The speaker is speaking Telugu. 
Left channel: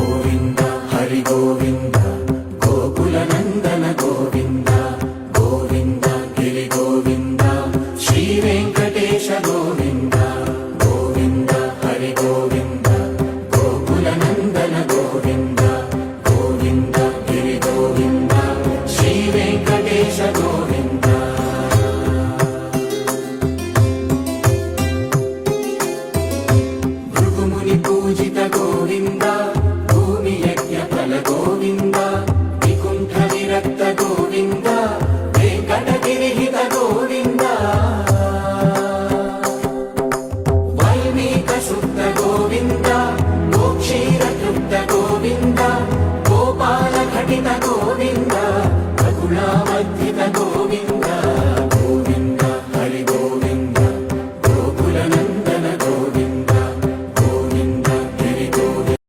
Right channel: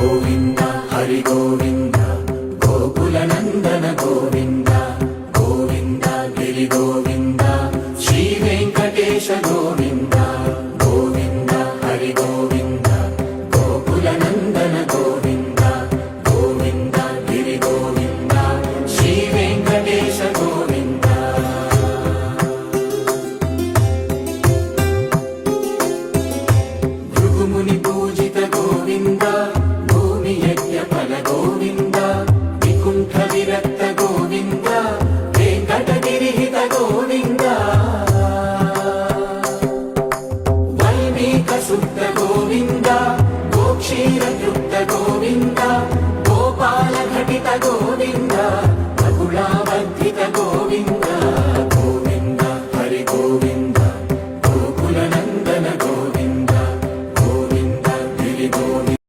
గోవింద హరి గోవింద గోకుల నందన గోవింద గోవింద గిరి గోవింద శ్రీ వెంకటేశ గోవింద గోవింద హరి గోవింద గోకుల నందన గోవింద గోవింద గిరి గోవింద శ్రీ వెంకటేశ గోవింద భృగుముని పూజిత గోవింద భూమి యజ్ఞ ఫల గోవింద వికుంఠ విరక్త గోవింద వెంకటగిరిహిత గోవింద వల్మీక శుద్ధ గోవింద గోక్షీర తృప్త